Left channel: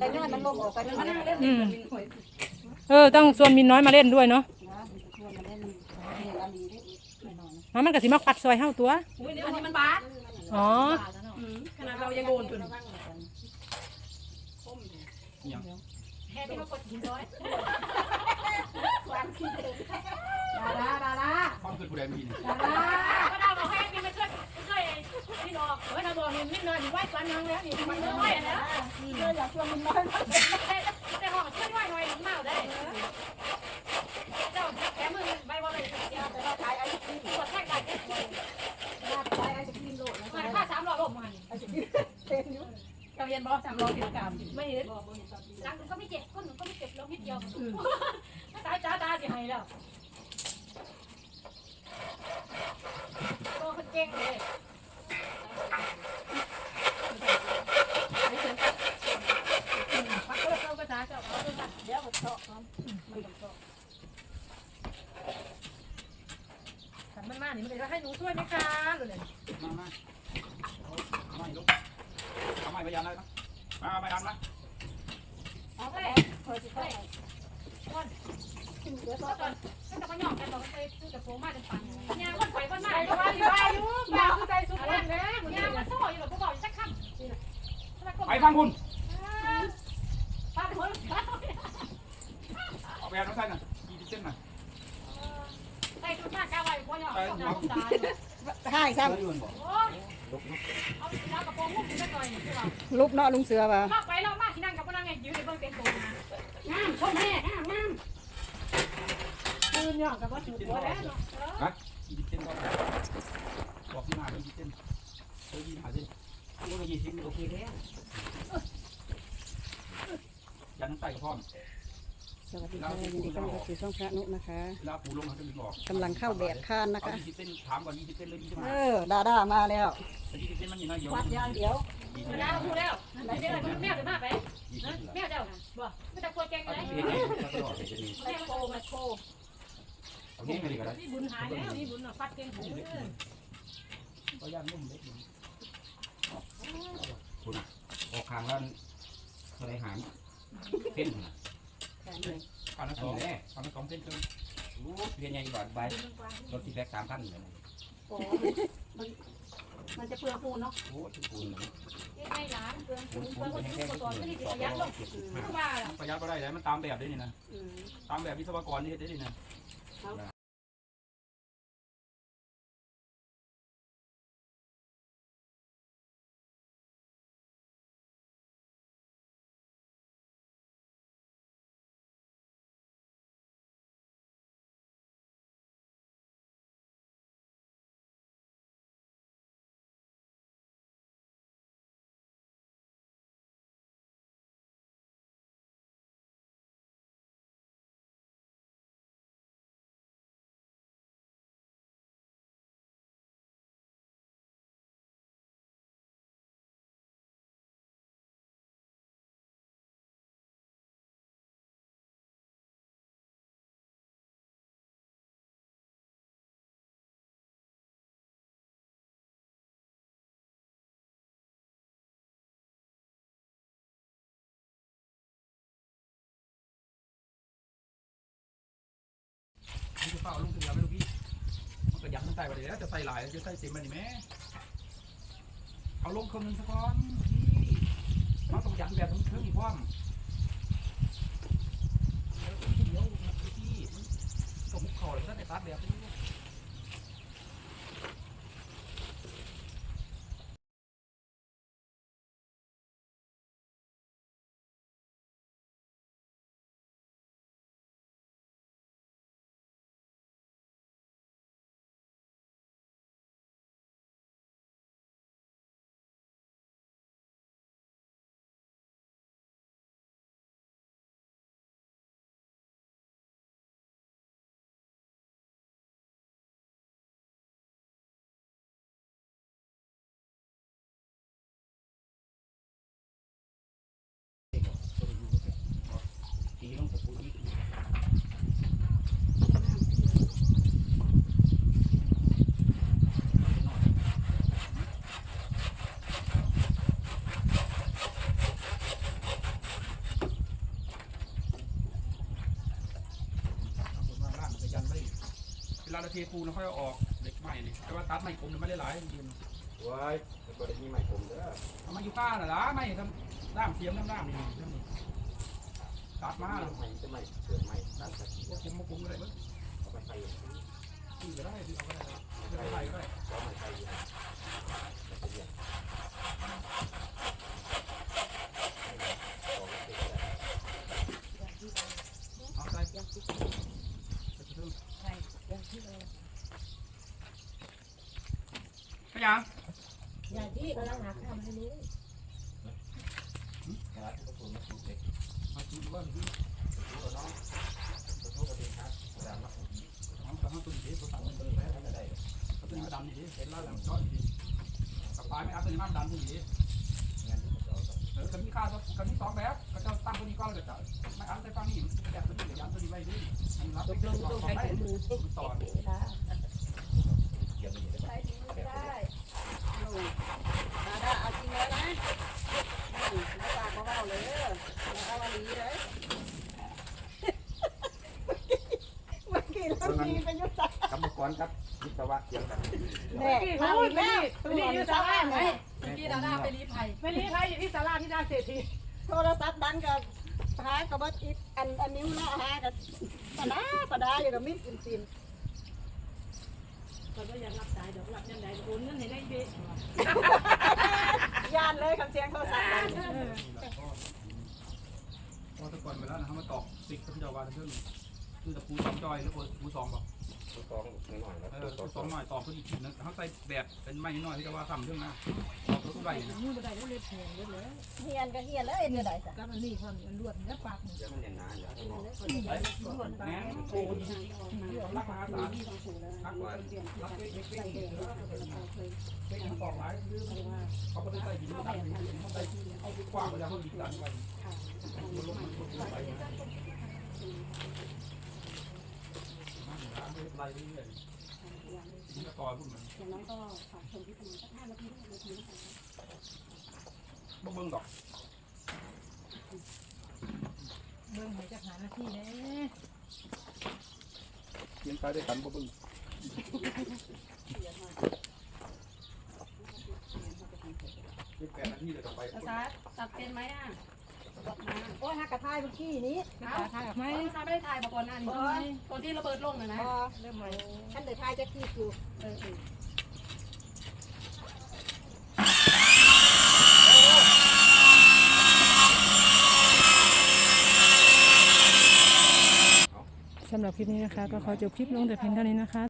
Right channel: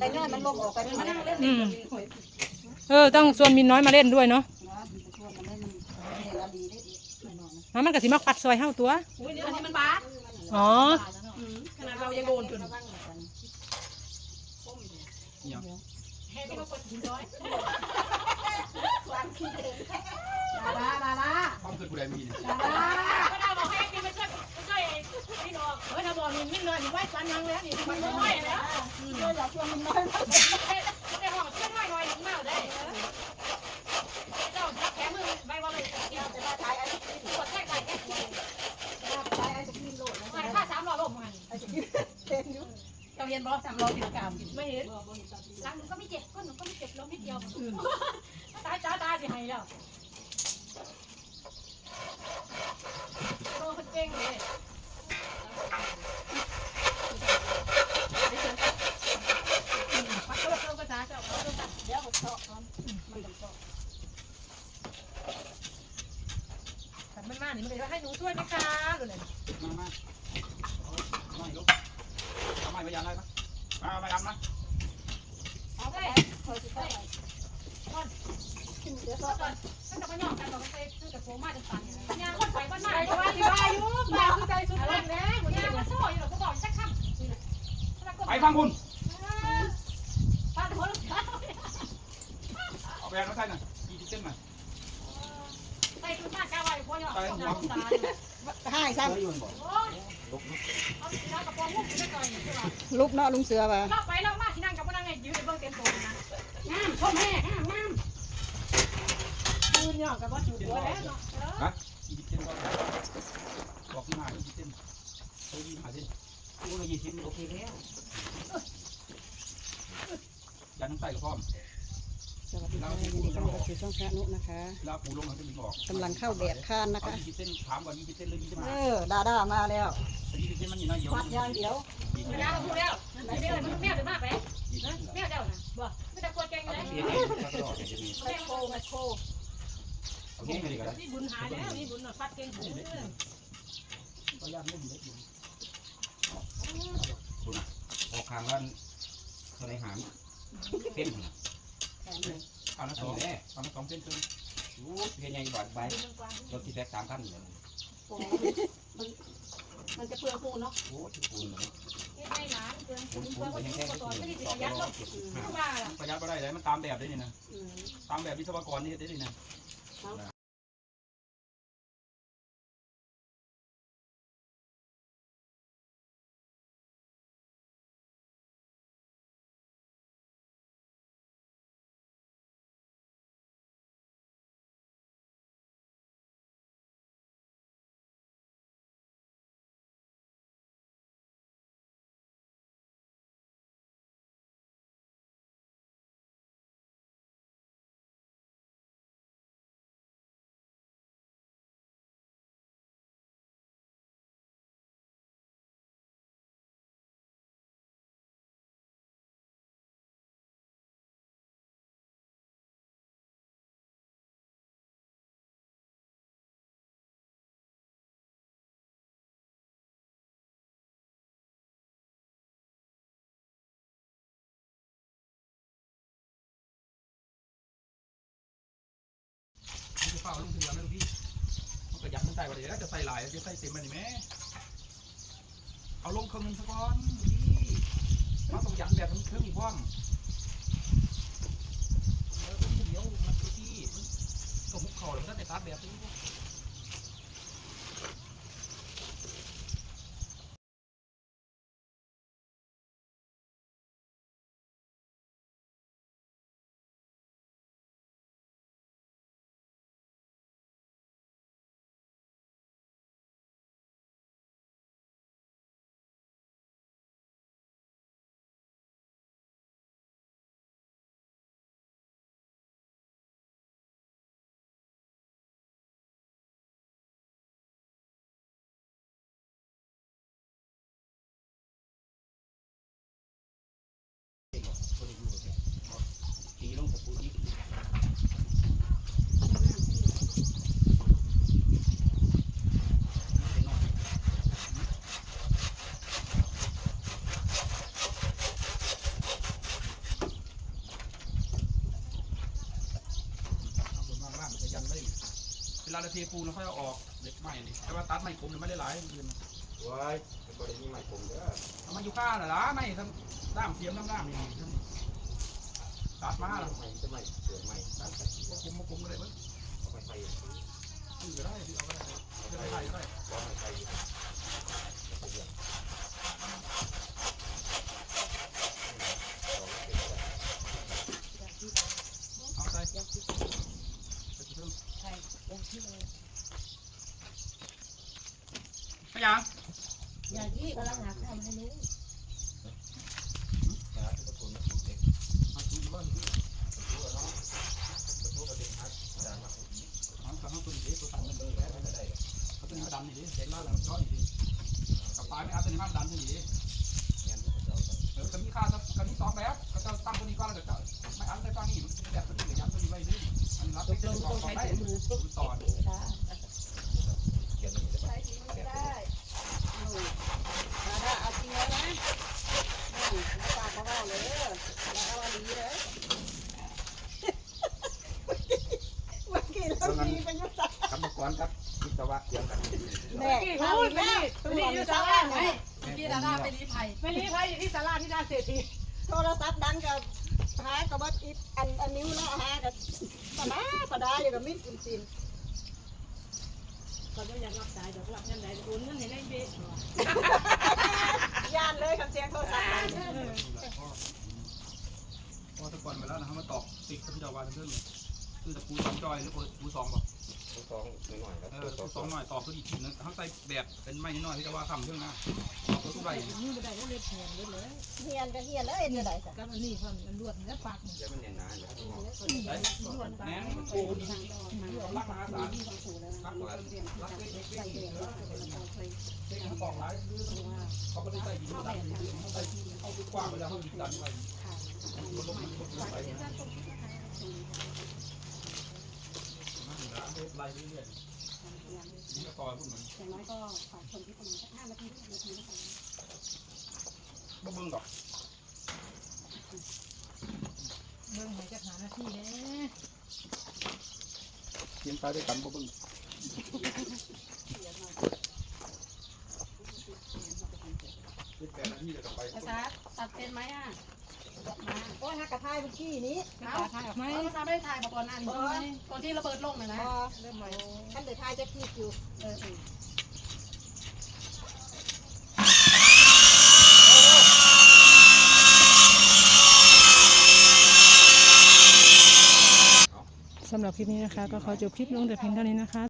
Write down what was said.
แต่น้อยมันลงออกไปมันนั่งเล่นอืมเออต้องชวนมินน้อยมาเล่นด้วยเนาะนะมันชวนมันได้มันเห็นแล้วดีได้อีกหน่อยๆแล้วมันก็สิมาควัดซอยเฮาตัว อุ้ยอันนี้มันบาสอ๋อขนาดเรายังโดนจนเนี่ยแค่ที่เขากดหินร้อยดาดาดาดาต้องคือผู้ใดมีเนี่ยดาดาก็ได้บอกให้พี่ไม่ช่วย ไม่ช่วยพี่ดอกเฮ้เราบอกนี่ไม่นอนอยู่ไหว้ฟันยังแล้วนี่มันไม่ไหวแล้วเพื่อนเราชวนมันน้อยในห้องเพื่อนไหวหน่อยมาได้เจ้าแขมือใบว่าเลยเดียวแต่ว่าขายไอ้ที่กดแท่งไก่แค่ดาใช้ไอ้สกินโลดนะมาค่าสามร้อยลบมันไอ้สกินเต็มอยู่เราเรียนบอสามร้อยกิโลกรัมไม่เห็นหลังก็ไม่เจ็บก้นก็ไม่เจ็บลงนิดเดียวตาตาตาสิหายแล้วโตคนเก่งเลยปักก็เราก็จ้าเจ้าเขาต้องการ เดี๋ยวมันเฉาะมันมันจะเฉาะ ขั นมันมานี่มันเลยว่าให้หนูช่วยไหมคะหนูเนี่ยมามาเอาไม่ลูกเอาไม่พยายามเลยนะมาเอาไม่ทำนะเอาไปเคยสิไปเดี๋ยวก็เฉาะตอนจะมาหยอกกันตอนไปซื้อกับโฟมาจนปังเนี่ยคนไปคนมาอยู่ว่าอยู่ว่าอยู่ยู่แบบคือใจสุดแรงแล้วเนี่ยมันโซ่อยู่หรอกกูบอกสักคำไปฟังคุณป้าหัวเอาไปเอาน้ำใส่หน่อยกี่เส้นหน่อย ให้ซ้เฮ้ยมันบอกไปหน่อยคือว่าำลุกเนาะลุงเสือป่ะไปแลอกมาที่นั่งกับพนักงานยืนในเบื้องเต็มตัวนะงามพ่อแม่งามงามยืนหยอกกับว่าถูกหัวแล้วเนาะกี่เส้นบอกที่มากี่เส้นเฮ้ยยี่หาเส้นโอ้ยยี่สิบโอเคแล้วยันใส่กระพร้อม สวัสดีค่ะยินดีต้อนรับสู่ช่องพระนุนะคะแล้วปูลงมันจะมีบอกกำลังเข้าแดดข้านนะเอาคะ ยี่สิบเส้นถามก่อนยี่สิบเส้นเลยยี่สิบเอห้าอดาดามาแล้วแต่ยี่สิบเส้นมันอยู่น้อยเดียววัดอย่างเดียวเวลาเราพูดแล้วไม่ได้เลยแม่จะมาไปนะแม่เจ้านะบ่ไม่แต่กลัวแกงเลยแม่โคแม่โคเอาเงี้ยเลยก็ได้มีบุญหายแล้วมีบุญอะฟัดเก่งหูก็ย่างนุ่มเล็กอยู่คุณออกคางแล้วเขาได้หางเส้น แขนเลยปันละสองปันละสองเส้นครึ่งโอ้เพียงยังบอดใบรถที่แท็กสามพันเลยโอ้มันมันจะเปลืองปูนเนาะโอ้ทุกคนเลยไม่ได้หลานเกินคุเกิณนคุณเกินเป็นคนแค่ที่ที่ตัวคุณตัวที่ต่อจะไปยัดลงรอบทุกบ้าล่ะประหยัดก็ได้เลยมันตามแบบด้วยนี่นะอืมตามแบบวิศวกรนี่เฮ็ดได้นี่นะ นี่จะเฝ้าลุงถึงแล้วไหมลูกพี่มันก็ยักมันใส่ไปเลยแล้วจะใส่หลายจะใส่เต็มไปนี่แม่เอาลงเครื่องนึงสักก้อนพี่มันต้องยักแบบเครื่องอีกพร้วอมเดี๋ยวมันพี่มันก็มุกเข่าแล้วมันก็แต่ตาแบบนี้ ลาเราเทปูนเราค่อยเอาออกเล็กใหม่นี่แต่ว่าตัดไม่คมเนี่ยไม่ได้หลายเดือนว้ายเป็นตัวนี้ใหม่ผมเด้อเอามาอยู่ข้าน่ะล่ะไม่ทำด้ามเสียมด้ามด้ามนี่ทำนี่ตัดมาแล้วใหม่จะใหม่เกิดใหม่ตามสักทีมาคุมมาคุมก็ได้เบิ้งเอาไปใส่ซื้อก็ได้ซื้อเอาก็ได้ซื้อก็ได้ก็ได้แล้วมันใส่ดีนะแล้วก็เรียกสองเก็บได้ เอาใส่ใส่กระเทียม ไม่ยังอย่างที่กำลังหาข้าวมาให้ลูกยาที่ประตูมาสูบเด็กเอาซื้อว่าซื้อประตูเนาะประตูประเด็นฮัทจานมาผมเอาแต่เอาตัวนี้ตัวสั่งมันเลยแล้วไม่ได้เอาตัวนี้มาดันนี่ดิเห็นแล้วแล้วช้อนนี่ดิกับปายไม่เอาตัวนี้มาดันนี่ดิงานที่ประตู เออก็มีค่าก็มีสองแบบก็จะตั้งตัวนี้ก็แล้วจะไม่เอาแต่ตั้งนี่แบบตัวนี้กับยันตัวนี้ไว้ด้วยอันรับตกลงต้องใช้ถุงมือต่อค่ะเกี่ยวนี่ใช้ถุงมือได้เอาจริงแล้วนะนี่มาปากมาว่าเลยมาเอาอันนี้เลย เมื่อกี้เรามีประโยชน์กรรมกรครับวิศวะเกี่ยวกันแม่เราอีกแล้วตัวนี้อยู่ศาลาไหนพี่ดาดาไปรีไผ่ไม่รีบไปอยู่ที่ศาลาที่ด้านเศรษฐีโทรศัพท์ดังกับหากับว่าอีอันอันนี้เนาะหากับปะดาปะดาอยู่กับมิ้นอินซินเขาก็อยากรับสายเดี๋ยวรับยันใดโอนเงินให้ในเบสย่านเลยคำเสียงโทรศัพท์ดังพอตะก่อนไปแล้วนะเขามาตอกติดกับพี่ดาวานเพื่อน คือตะปูสองจอยหรือปูสองบอกตัวสองหน่อยแล้วเอตัอวสสอองงหน่อยต่อขึ้นอีกทีนึงเขาใส่แบบเป็นไม้น้อยที่จะว่าทำเรื่องนะต่อขึ้นไปมือบ่ได้แล้วเล็บแหงเล็บเลยเฮียนก็เฮียนแล้วเอ็นจะได้จ้ะกับอันนี้ความอันลวดแล้วปากเดี๋ยวมันเนี่ยนานแล้วแหนโอ้ดีรักมหาศาลที่บางสูแล้วนะมีคนเปลี่ยนที่รักจะเล็กใส่แดงแล้วเราเคยเล็กปอกหลายเขาไม่ได้ใส่ดินดันเขาใส่เขากว้างไปแล้วเขาดินดันไว้ค่ะมันลงมันลงไป ไล่ไปเรื่อยๆมันก็ต่อยพวกมันอย่างน้อยก็ฝากชมที่ประมาณสักห้านาทีนาทีนะคะบ่เบิ่งดอกเบิ่งให้จักหานาที่เด้เพียงไปด้วยกันบ่เบิ่งเป็นแปดนาทีเลยต่อไปภาษาตัดเป็นไหมอะ โอ้ยฮักกระทายเมื่อกี้นี้ตาทายออกไหมไม่ภาษาไม่ได้ถ่ายมาก่อนนั่นตอนที่ระเบิดลงเลยนะพอท่านเดี๋ยวทายจะคีบอยู่เออสำหรับคลิปนี้นะคะ ก็ขอจบคลิปลงแต่เพียงเท่านี้นะคะ